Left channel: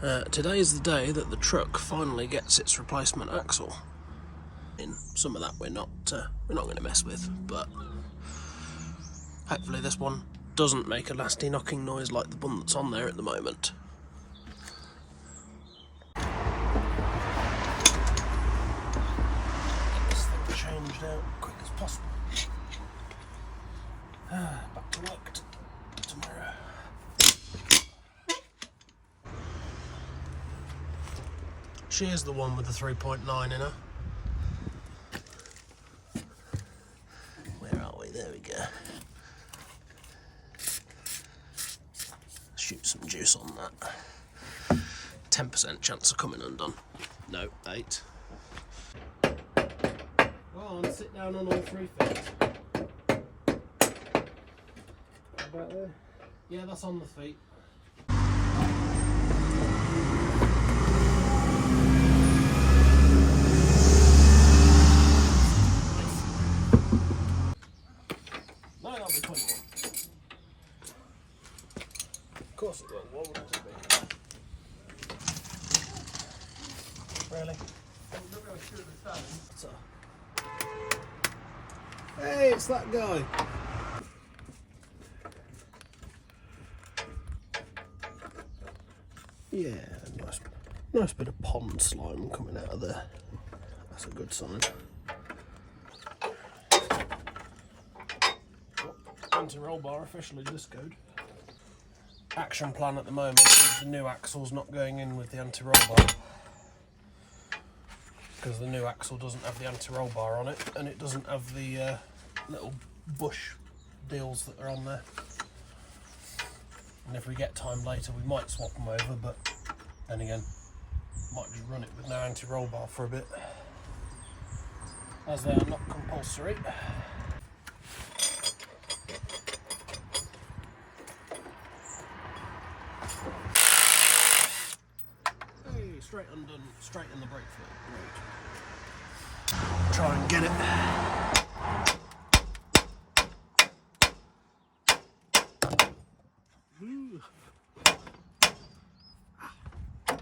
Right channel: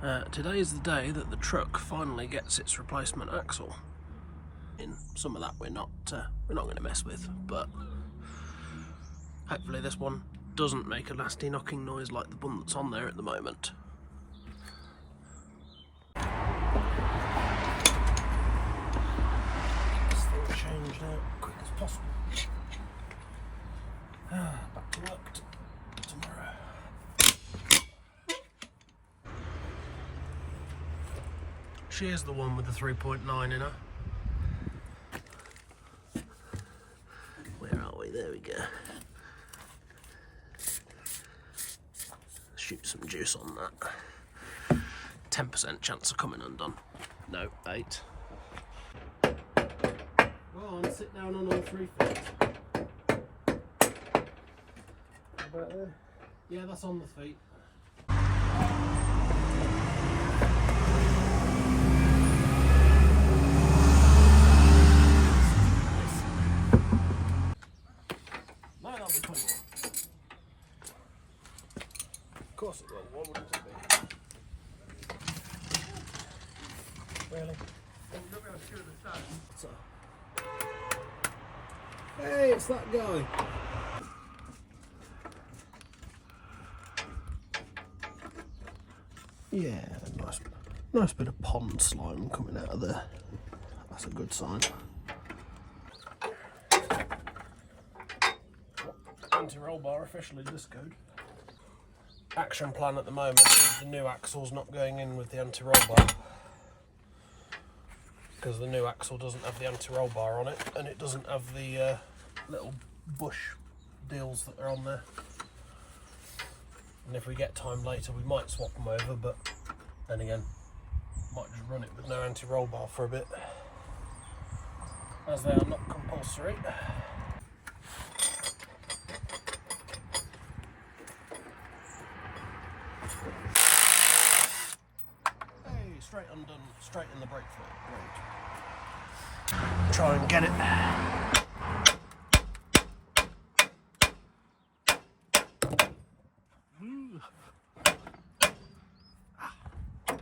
Today is the day that the truck finally gets its replacement axle. In some of that we're not going to mess with, but hopefully this one doesn't make a nasty knocking noise like the one that's on there at the moment. This thing changed out quick as possible. Back to work tomorrow. She is the one with the 3.9 in her. Where are we? There we go. Shoot some juice on that. 10% chance of coming undone. No, 8. Go on, sit down on all 3 feet. About there? Yeah, that's on the feet. No, that'll be 21. Of course it will. What would it be? Really? So. Hey, it's that guy. Yeah, nice bit of pond slime coming out of there. That's a good sign. Anti-roll bar officially discoed. Action plan at the moment is the new axle's not going in with the anti-roll bar, because the new axle doesn't have the anti-roll bar on it, and it doesn't have the little bush deals that are on there. And if we get time later we might swap them over, but then again might just run it with no anti-roll bar for a bit, as they are not compulsory. Hey, straight undone, straight in the brake fluid. Right. Try and get it.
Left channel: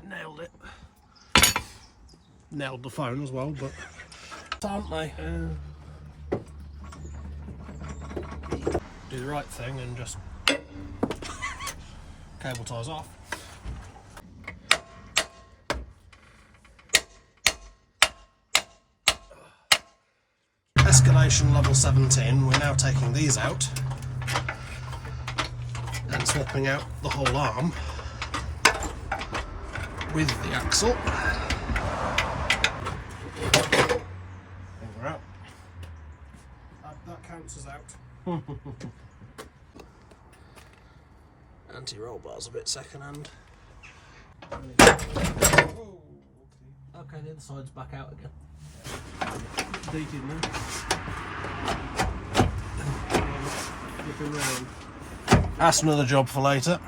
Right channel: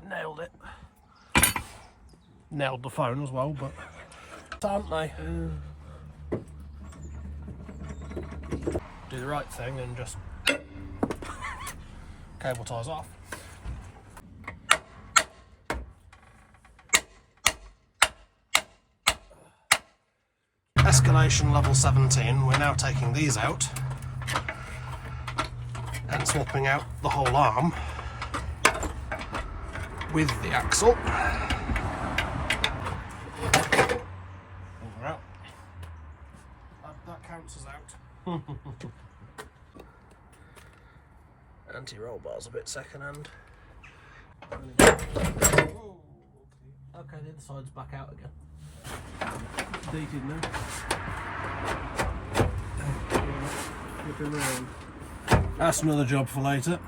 Nailed it. Nailed the phone as well, but aren't they? Do the right thing and just cable ties off. Escalation level 17. We're now taking these out and swapping out the whole arm with the axle. We're out. That counts as out. Anti-roll bar's a bit second-hand. Okay, the other side's back out again. Dated now. Flipping round. That's another job for later.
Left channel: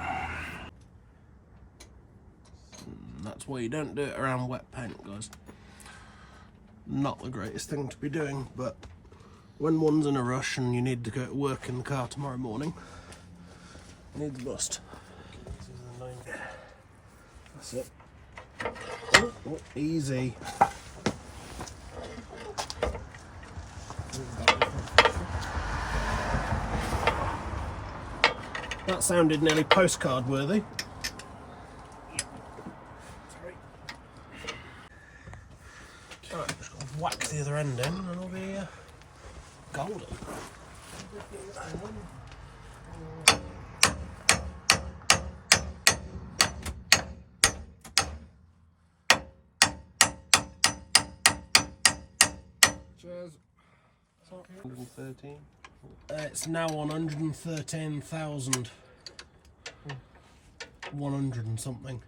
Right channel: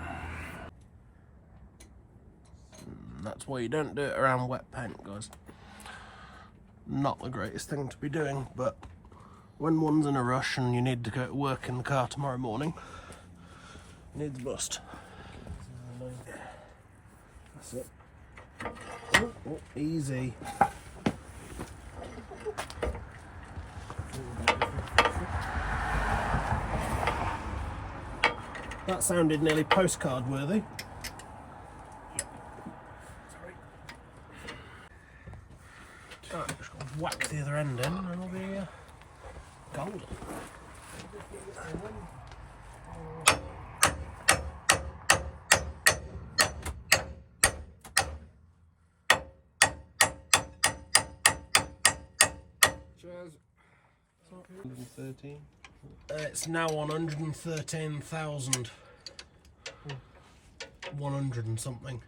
That's why you don't do it around wet paint, guys. Not the greatest thing to be doing, but when one's in a rush and you need to go to work in the car tomorrow morning, you need the bust. That's it. Oh, easy. That sounded nearly postcard worthy. Sorry. Alright, just got to whack the other end in and it'll be golden. Cheers. 113. It's now on 113,000. 100 and something.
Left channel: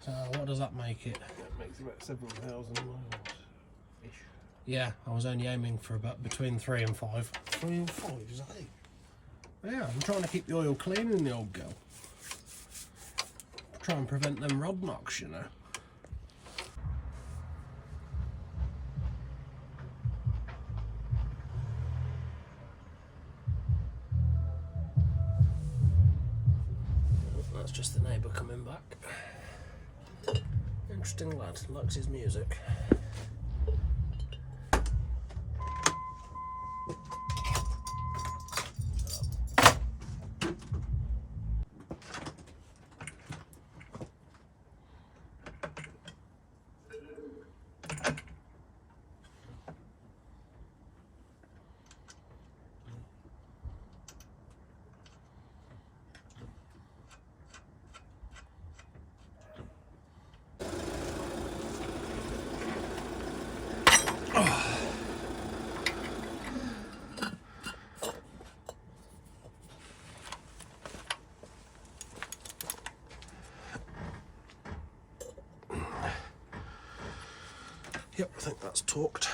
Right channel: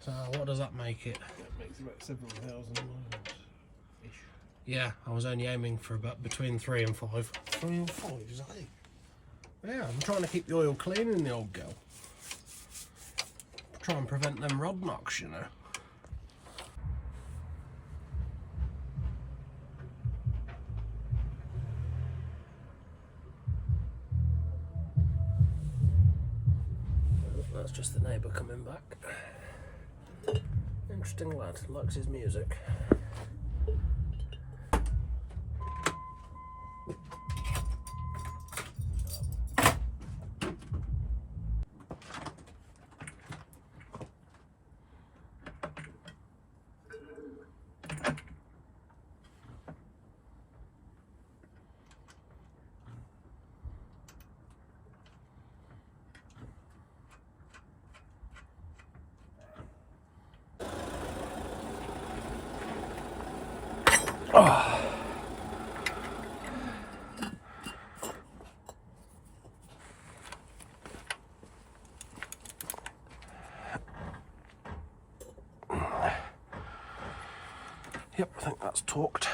So what does that make it? That makes about 7,000 miles-ish. Yeah, I was only aiming for about between 3 and 5. 3 and 5, is that it? Yeah, I'm trying to keep the oil clean in the old girl. Try and prevent them rod knocks, you know. That's just the neighbour coming back. Interesting lad, likes his music. Oh. Yep, I think that's torqued.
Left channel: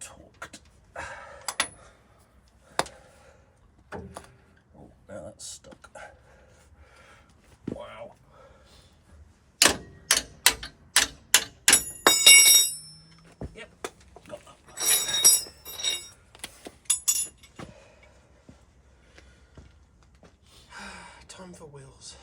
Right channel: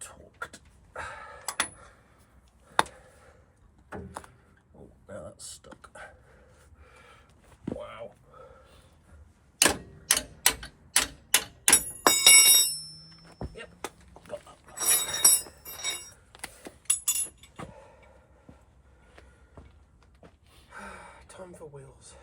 Torqued. Oh, now that's stuck. Wow. Yep, got that. Time for wheels.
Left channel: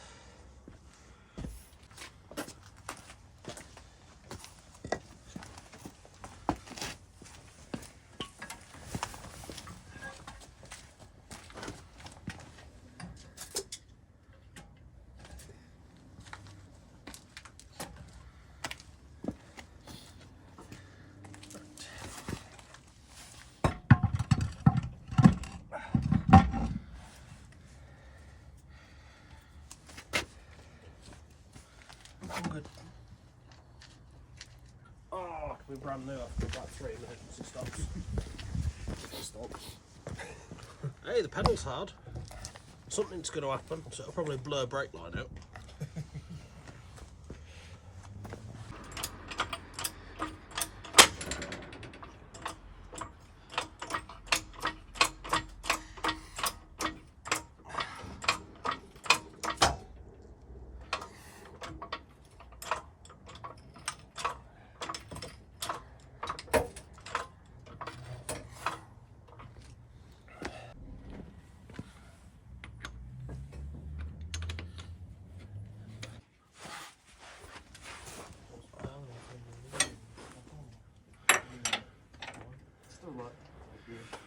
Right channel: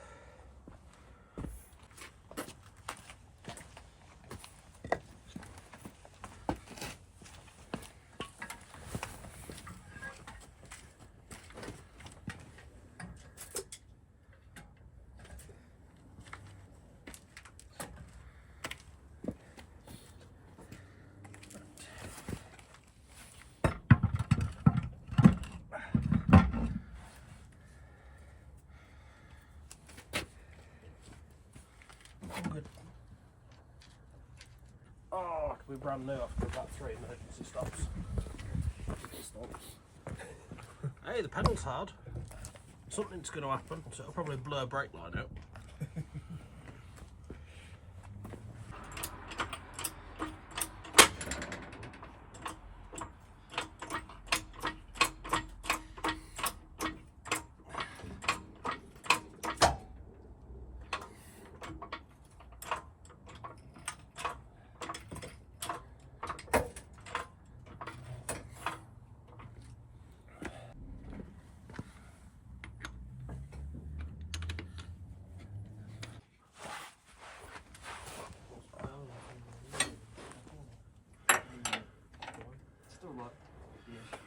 I'm good. Oh, it could be brand new after about 3 minutes it stops. Hey, the pedal's hard. Something's going to happen, so it'll probably blur brake line out. Still not. Yeah.